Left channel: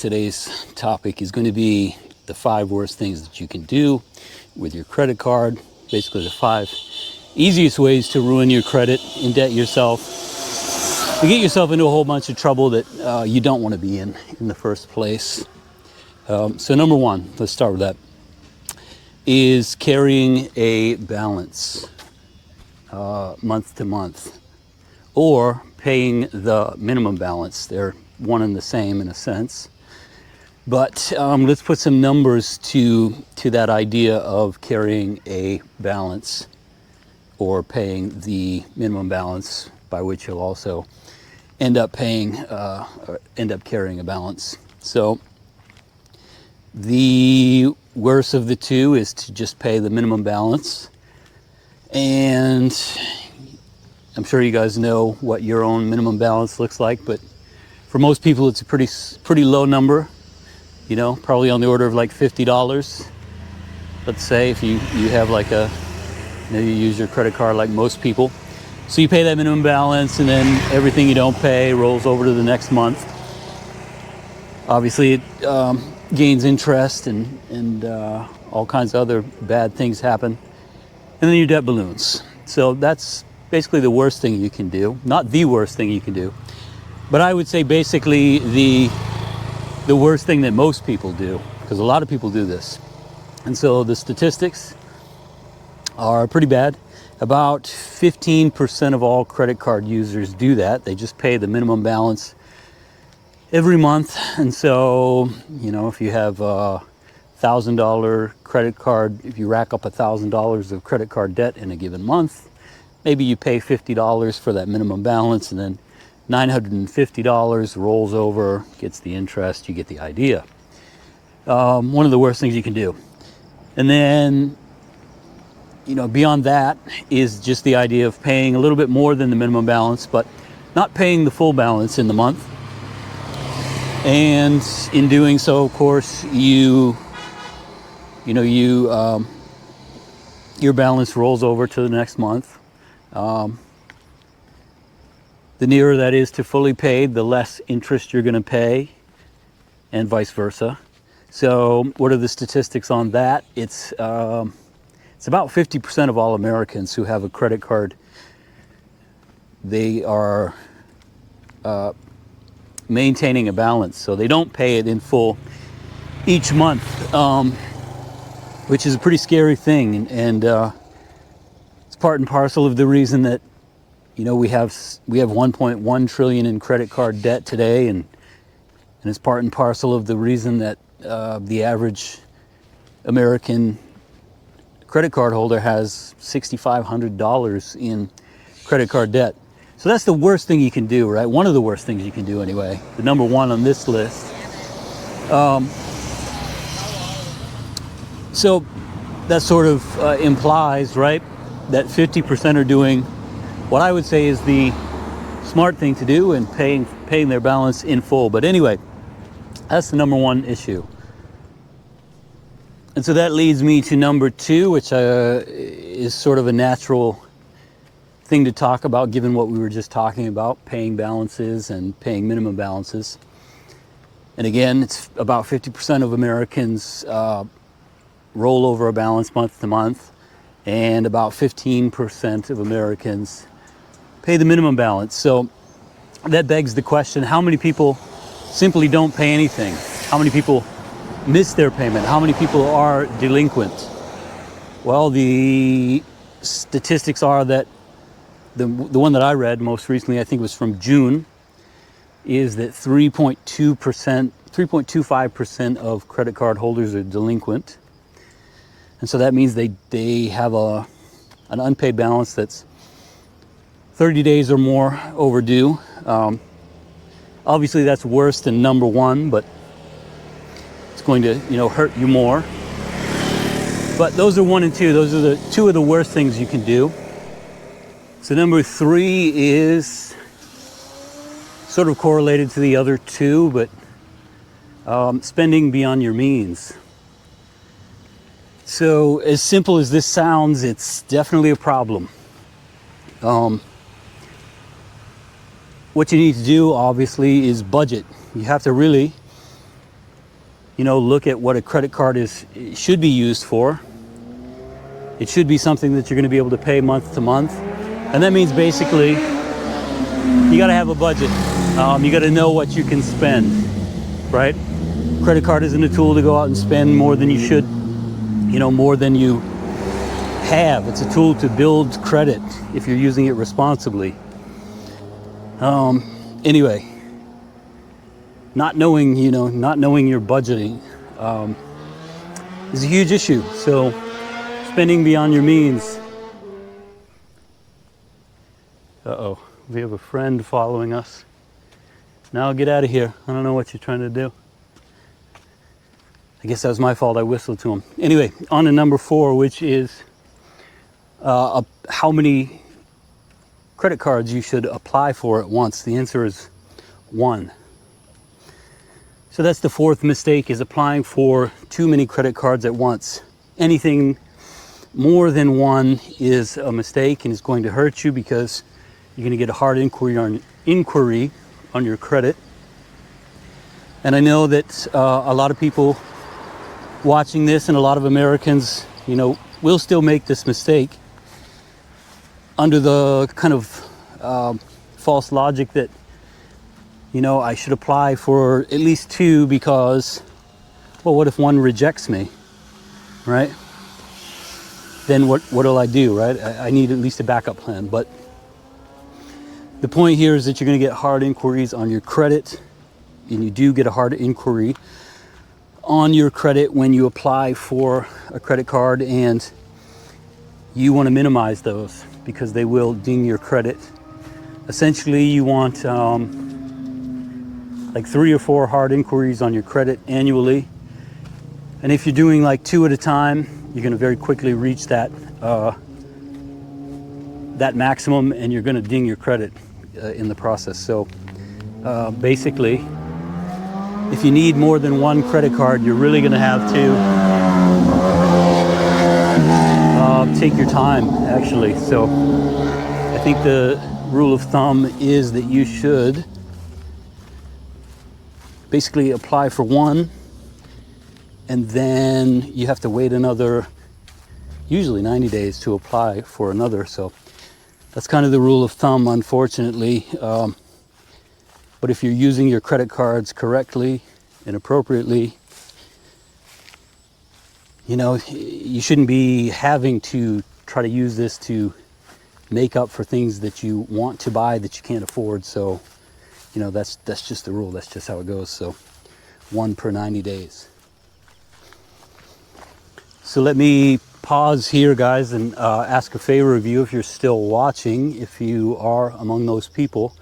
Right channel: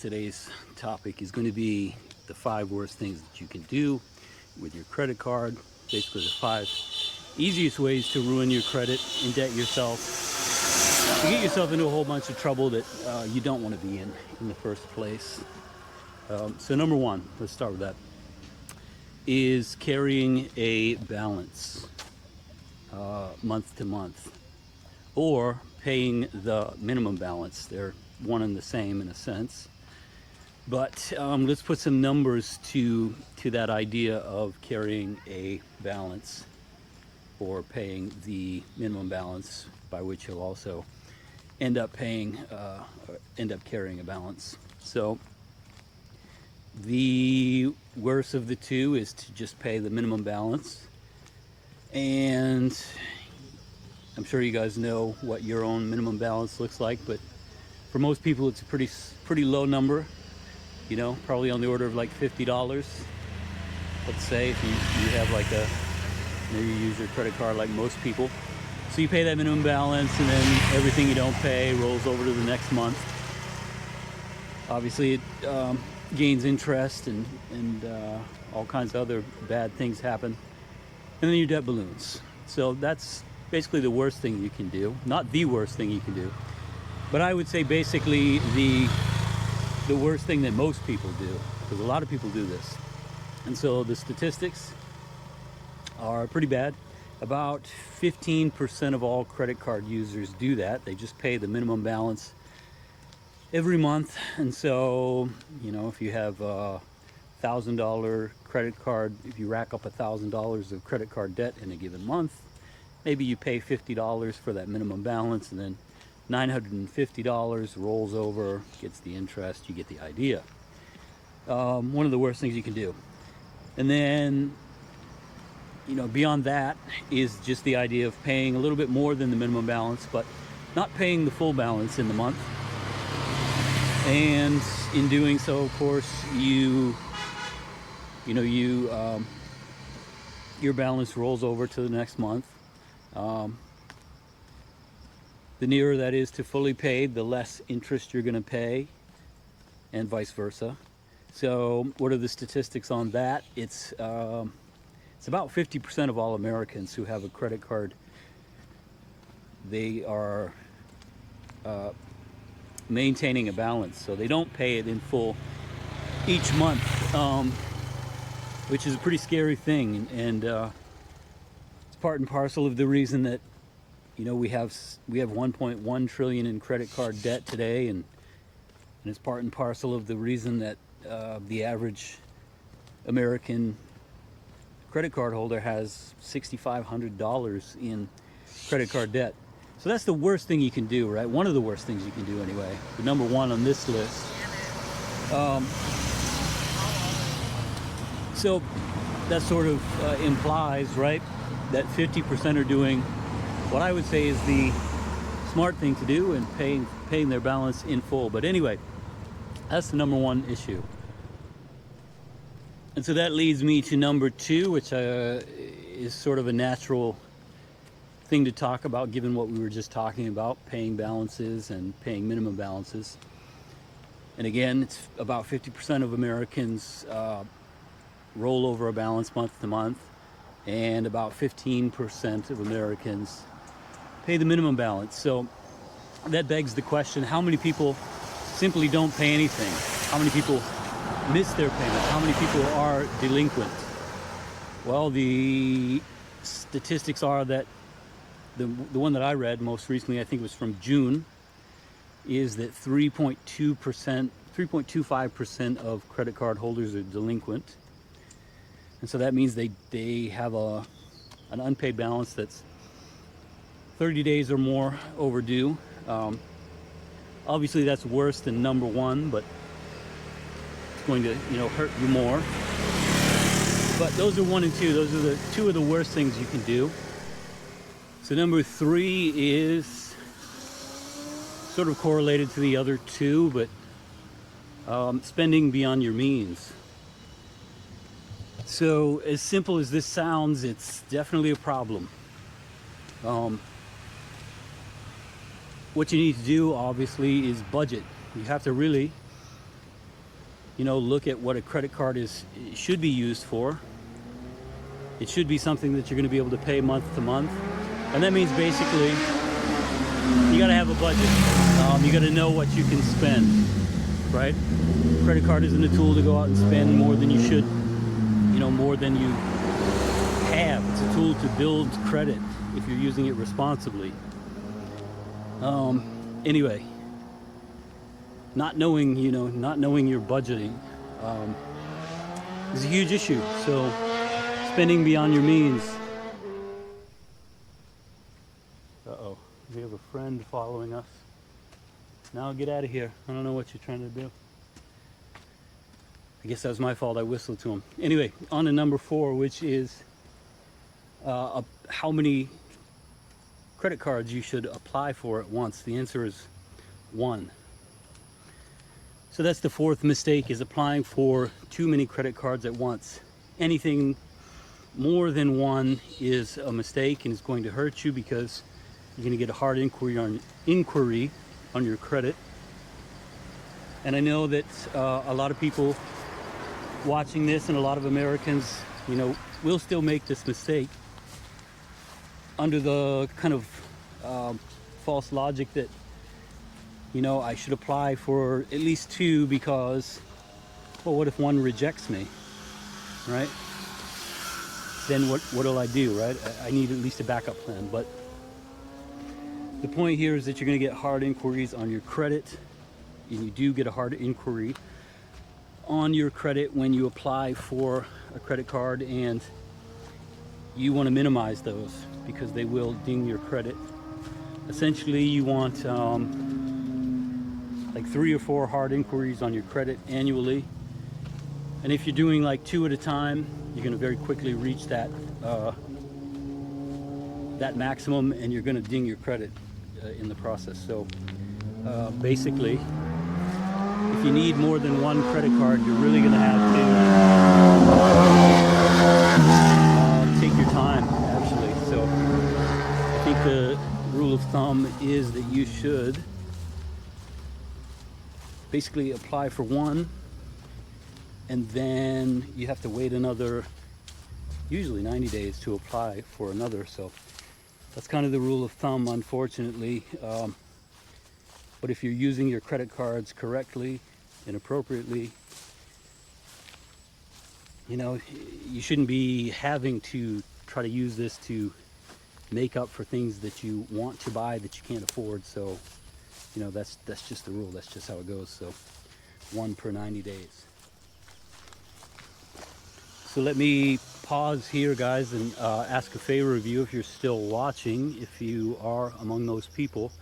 Today's topic is going to be the 5 worst things that you can do with your credit card. Basically, the 5 easiest ways to ruin your credit, indebt yourself, to get yourself into a whole bunch of trouble that you don't want to be in the first place. So number 1, let's start with that, is carrying a balance month to month, or paying the minimum balance. They're one and the same in a sense. But let's put some numbers to that idea of carrying a balance or paying the minimum balance, by which you'll also end up carrying a balance. So the worst of the two is to just pay the minimum balance. And I'm sure you guys know what your own minimum balance looks like, but for most people it's a pretty low number. You know, probably on the order of like $50. Let's say if you have like maybe you use your credit card like most people. So you pay that minimum balance, and then everything you don't pay rolls over to the next month. Obviously it gains interest and all kinds of other bad things happen. And then your debt balloons. So that's basically the worst thing you can do. Not the worst thing you can do, but I would say basically the worst thing that most people do, because a lot of people do this. And so the statistics are pretty bad. About 15% of all credit card users do that. They just pay the minimum balance every month. And so, you know, if you have a $1,000 credit card, if you rack up $1,000 of credit card debt in a given month, maybe you pay $50 for that minimum balance, and then $950 rolls over, gets the interest. You get the idea. One of the worst things you can do. And then, you know, beyond that is just the idea of paying a little bit more than the minimum balance, but not paying the full balance in the month. And in doing so, of course, your balance rolls over to the next month. The nearer that is to fully paid, the less interest you're going to pay, and vice versa. So what are the statistics on that? It's about 50% of all Americans who have a credit card, they are maintaining a balance. So they don't pay it in full each month, which is a pretty scary thing. And it's part and parcel of the reason that, you know, we have 1.1 trillion in credit card debt today, and it's part and parcel of the reason that the average American credit card holder has $6,500 in credit card debt. So that's the worst thing you can do, right? One of the worst things you can do anyway. The number 1 on this list. So that sort of implies, right, that 50% are doing what I would say is the smart thing to do, and paying their balance in full. But anyway, that's the number 1 issue. And so that leads me to number 2, which is sort of a natural thing to talk about given what we were just talking about, paying balances and paying minimum balances. And again, it's about 50% of Americans roll over a balance month to month, and about 15% of Americans pay the minimum balance. So that begs the question, how many people simply don't pay anything? How many people miss their payment? How many people are delinquent? Well, the statistics are that the one that I read most recently, I think it was from June, is that 3.25% of credit card holders are delinquent. And so that means they have an unpaid balance that's 30 days or more overdue. Obviously that's worse than number 1, but it's going to, hurt you more. But those are 1 and 2. Those are the 2 of the worst things you can do. So number 3 is sort of correlated to the other 2, but spending beyond your means. So as simple as this sounds, it's definitely a problem. What you need to do, obviously, is budget. You have to really look at what a credit card should be used for. It should be something that you're going to be able to pay month to month. And that means basically you got to have a budget. You got to know what you can spend, right? Credit card isn't a tool to go out and spend more than you should, more than you have. It's a tool to build credit if you're using it responsibly. Anyway, not knowing your budgeting is a huge issue. So spending beyond your means. Uh-oh, we have a friend following us. Now get out of here. I don't know what you're trying to do. I guess that was my fault. I whistled to him. Anyway, on to number 4, which is how many credit cards you should apply for at once. The answer is 1. So that's the 4th mistake, is applying for too many credit cards at once. Anything more than 1 is a mistake and is going to hurt you, because you're going to get a hard inquiry on your credit. And I know that a lot of people watching this, and a lot of Americans, will still make this mistake under the kind of false logic that, I should apply for at least 2 because, well, what if 1 rejects me, right? Then what'll I do, right? I need at least a backup plan. But the point here is that you're going to get hard inquiries on your credit, and you do get a hard inquiry on your credit when you apply for a credit card, and you want to minimize those because they will ding your credit. Essentially, you want like 3 or 4 hard inquiries on your credit annually, and if you're doing like 2 at a time, you're going to very quickly reach that maximum, and you're going to ding your credit in the process. So basically, if you need more than 1 credit card, you're really going to have to take your time, actually. So I think the rule of thumb is that you should basically apply for 1, and then you have to wait another, usually 90 days, to apply for another. So that's kind of the rule of thumb, unfortunately. But if you're using your credit cards correctly and appropriately, you shouldn't be having to try to use this to make up for things that you want to buy that you can't afford. So, that's just the rule. That's just how it goes. So 1 per 90 days. So let me pause here, guys, and ask a favor of you. If you're still watching, if you are among those people,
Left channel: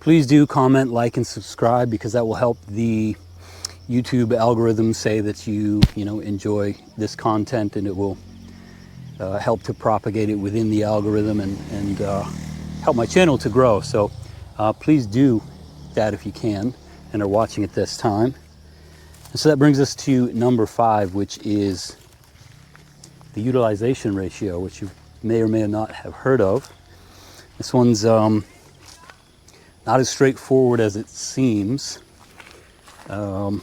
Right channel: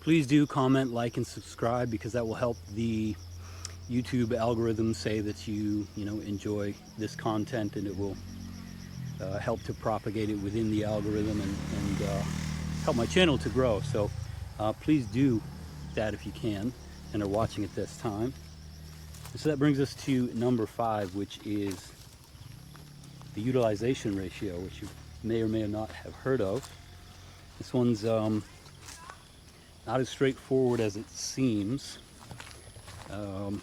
please do comment, like, and subscribe, because that will help the YouTube algorithm say that you enjoy this content, and it will help to propagate it within the algorithm and help my channel to grow. So please do that if you can and are watching at this time. And so that brings us to number 5, which is the utilization ratio, which you may or may not have heard of. This one's not as straightforward as it seems. So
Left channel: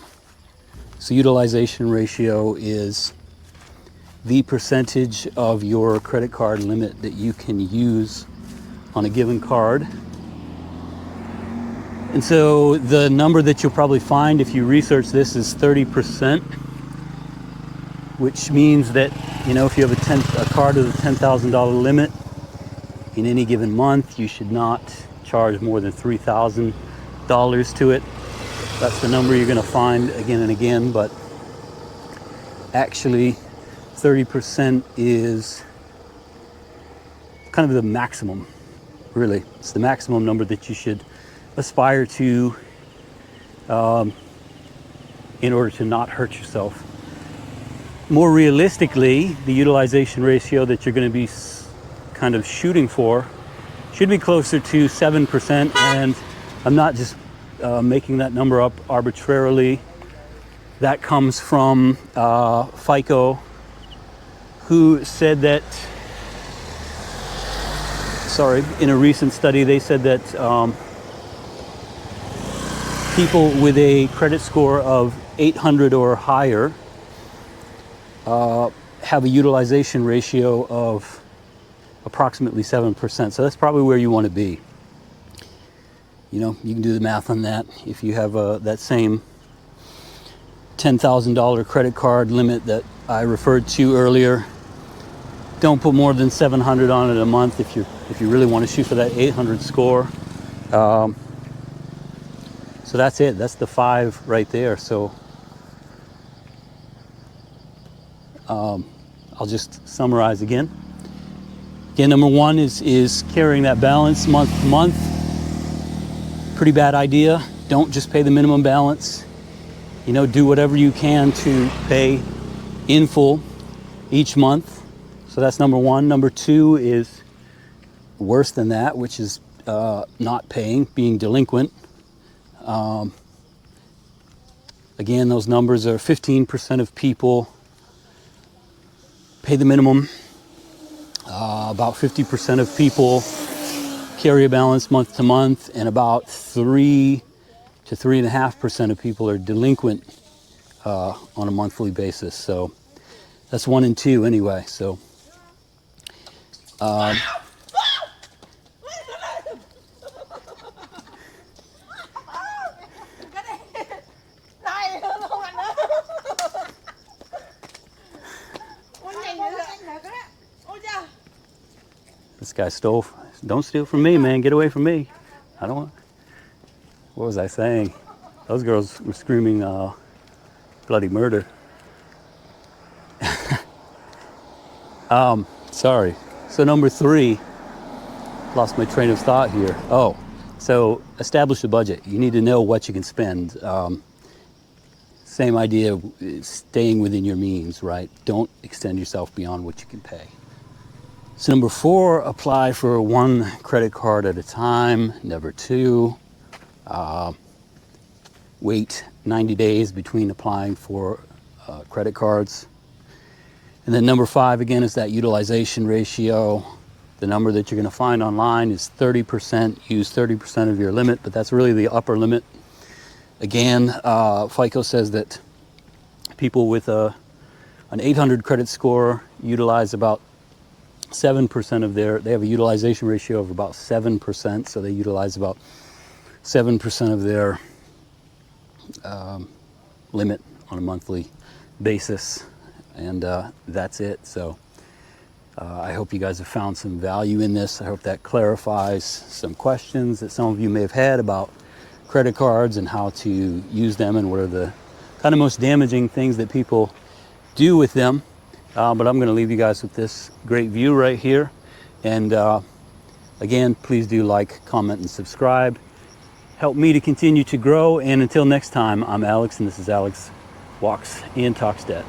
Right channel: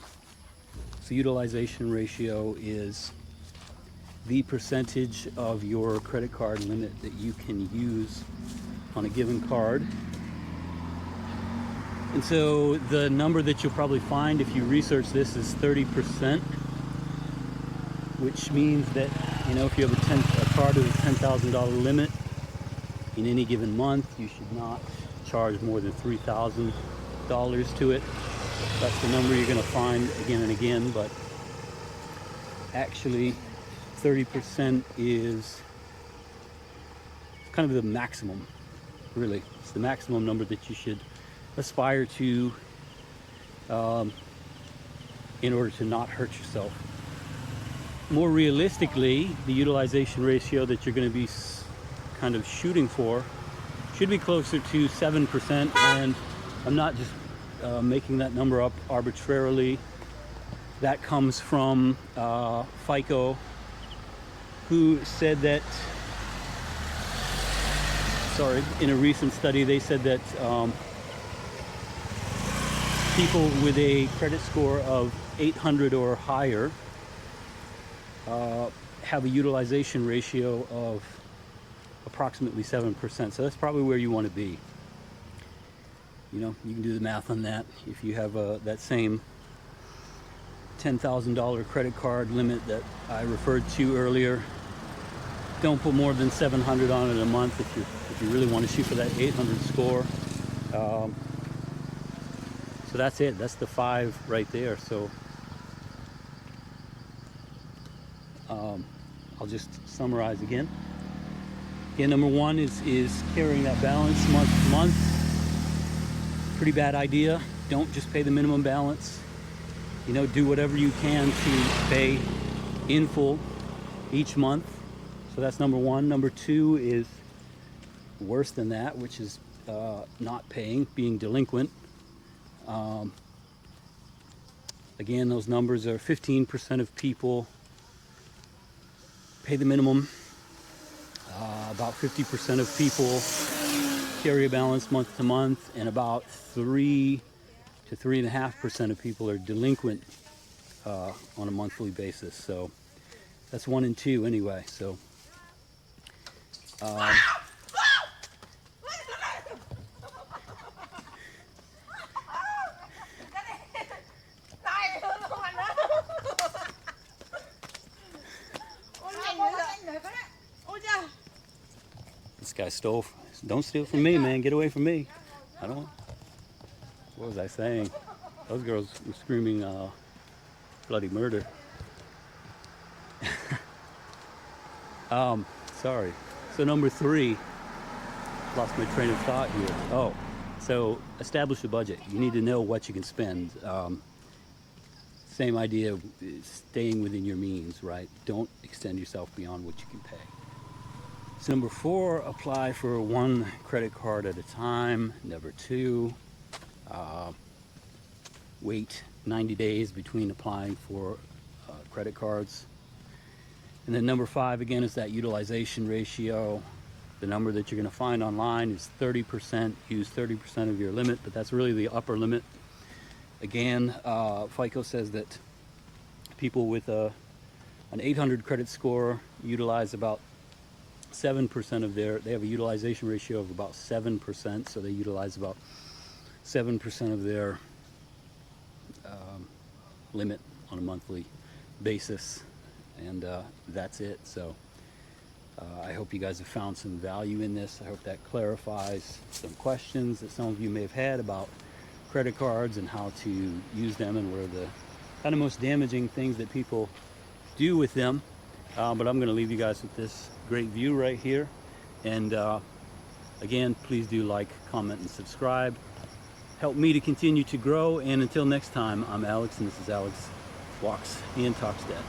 utilization ratio is the percentage of your credit card limit that you can use on a given card. And so the number that you'll probably find if you research this is 30%, which means that, if you have a card with a $10,000 limit in any given month, you should not charge more than $3,000 to it. That's the number you're going to find again and again, but actually 30% is kind of the maximum, really. It's the maximum number that you should aspire to in order to not hurt yourself. More realistically, the utilization ratio that you're going to be kind of shooting for should be closer to 7%, and I'm not just making that number up arbitrarily. That comes from FICO, who said that, in a recent study, they said that people with a credit score of 800 or higher have a utilization ratio of approximately 7%. So that's probably where you want to be. You know, you can do the math on that. If you have that same $10,000 credit card limit that I referred to earlier, don't put more than 700 on it a month if you really want to shoot for that 800 score. So that's it. That's the 5 right there. So I'll just summarize again. Again, number 1 is carrying that balance month to month. Pretty bad idea. Don't just pay the minimum balance. You know, do whatever you can to pay in full each month. So that's number 1. Number 2 is worse than that, which is not paying, being delinquent. Again, those numbers are 15% of people pay the minimum. About 50% of people carry a balance month to month, and about 3 to 3.5% of people are delinquent on a monthly basis. So that's 1 and 2 anyway. So this guy stole. Don't steal from me, man. Get away from me. I don't want. What was I saying? Those girls were screaming bloody murder. Sorry. So number 3, lost my train of thought here. Oh, so establish a budget. You need to know what you can spend. Same idea, staying within your means, right? Don't extend yourself beyond what you can pay. So number 4, apply for 1 credit card at a time. Number 2, wait 90 days between applying for credit cards. And then number 5, again, is that utilization ratio. The number that you're going to find online is 30%. Use 30% of your limit, but that's really the upper limit. Again, FICO says that people with an 800 credit score utilize about 7% of they have a utilization ratio of about 7%, so they utilize about 7% of their limit on a monthly basis, and that's it. So I hope you guys have found some value in this. I hope that clarifies some questions that some of you may have had about credit cards and how to use them and what are the kind of most damaging things that people do with them. But I'm going to leave you guys with this great view right here. And again, please do like, comment, and subscribe. Help me to continue to grow. And until next time, I'm Alex, and this is Alex Walks and Talks Debt.